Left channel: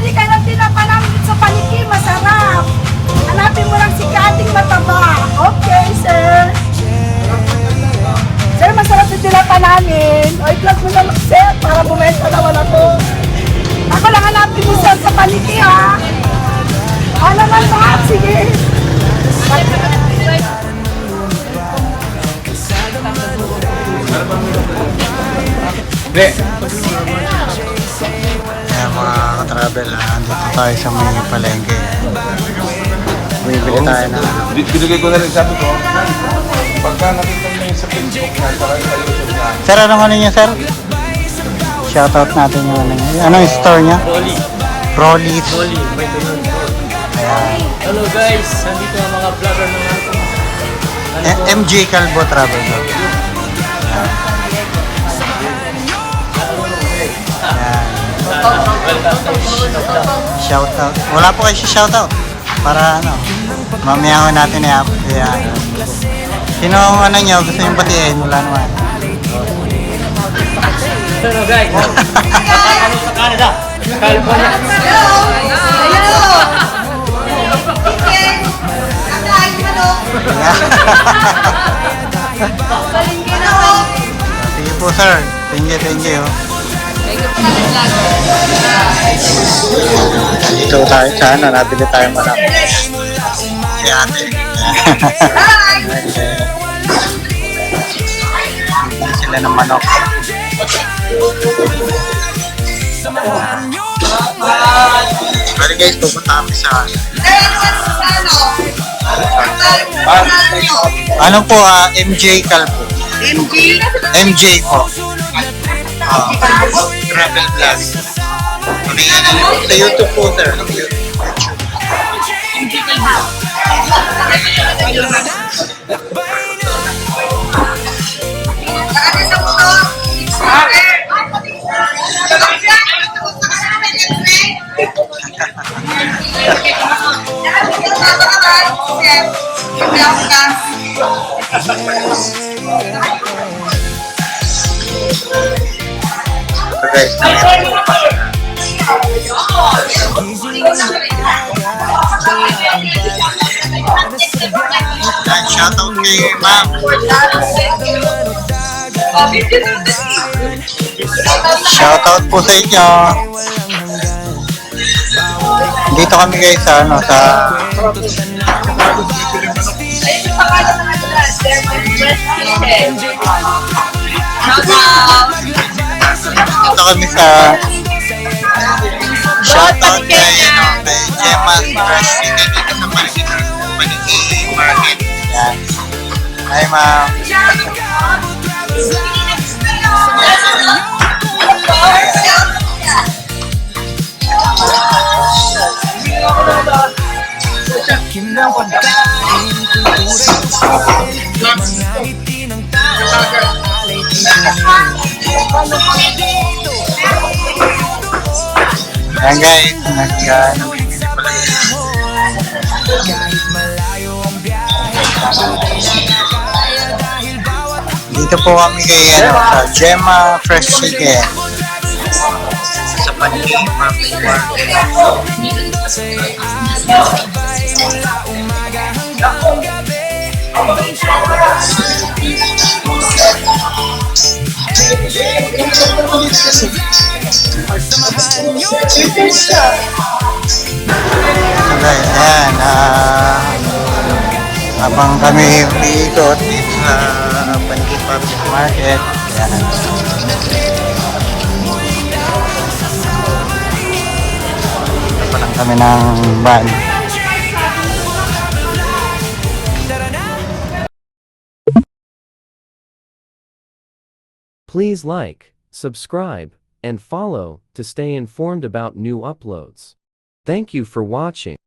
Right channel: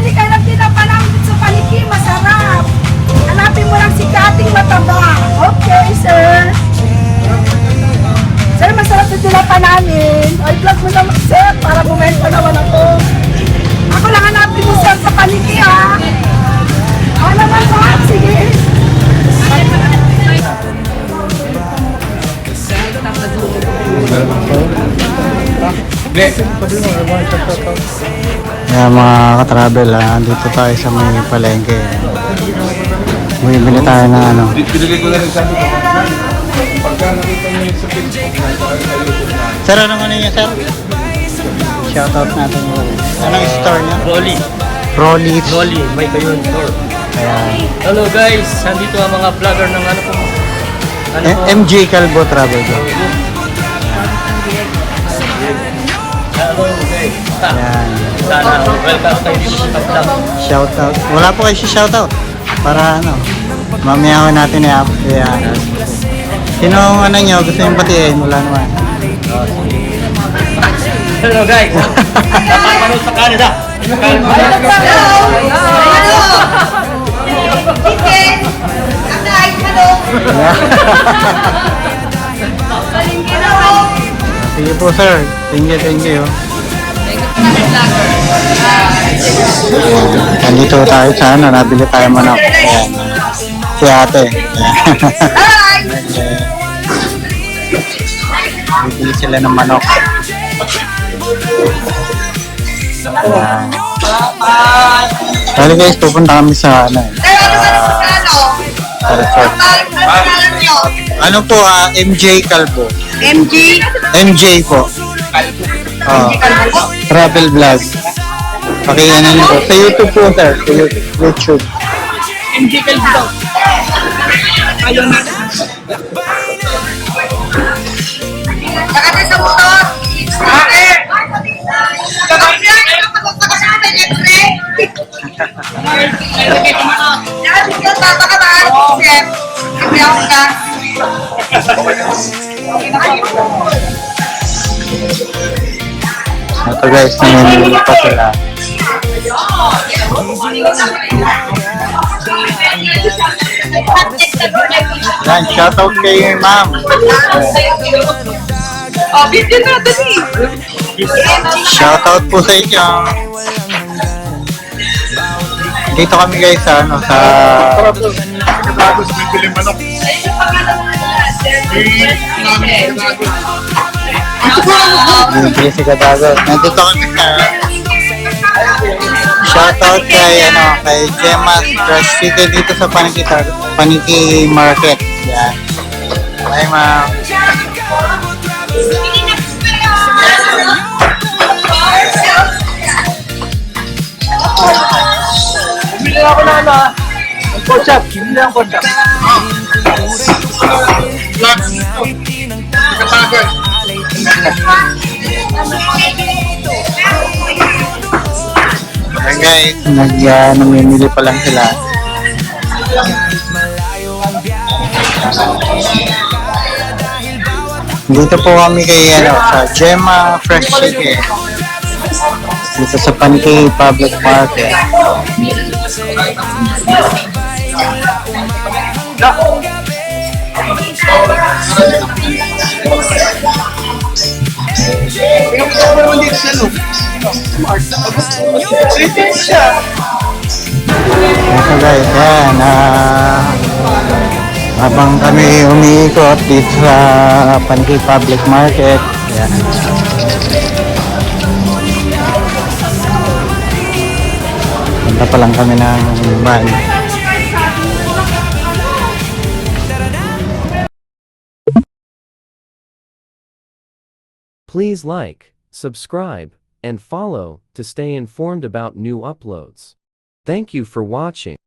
bibili ka ng tinapa namin dito sa Paniki, masarap. Hanapin mo lang si Kating Mataba. Okay, sir. Sir, masarap yung tinapa namin. O, i-vlog mo naman, sir, para bumenta naman ako. Ako lang hanapin mo, sir, sa Paniki, ha? Naman, ma'am. Sige. Kaya mga ka-travel, dito tayo sa may palengke. May tayo na ano. Sir, ano man niya, sir? Shoutout natin yung... Ano yung store niya? Rolly, may kayo store. Ayan. Hello guys, nandito ang mga vlogger ng ano po. MJ Calvo Travel Vlog. Ayan. Sana welcome kayo dito sa vlog. Shoutout. Wala po kayo si shoutout. Para ano, mamayawan natin i-ano. Sino ang ano nyo gusto yung batiin? Wala naman. Hello guys, papapanood sa Canada. Sige po sir, thank you. Nandito tayo sa ano, nabili tayo manok. Si ate. Bibili sila ng manok. Bali guys, pupunta kami sa ano sa resort. Ano po, MJ Calvo. MJ po. Travel vlog. Pakiyan nyo po. Sa YouTube po, sir. Sa YouTube. MJ Calvo. Nakata sa motor. Ito guys, namimili pa sila. Yan, shoutout kay ma'am. Shoutout po sa inyo. Dito kami guys sa ano sa si Gatago. Nandito kami sa shoutout kay ano kay Gemma's Fresh City dito sa Paniki Market. Yan. Hi ma'am. Ayan guys, namimili pa lang sila. Dito po kami kay ano, sa Gemma Fresh Chicken. Dito sa Paniki Public Market. So guys, yan habang kami umiikot dito sa Paniki Public Market, yan. Punta pa lang kami ng van. Please like, subscribe, and follow to stay informed about new uploads. Thank you for watching.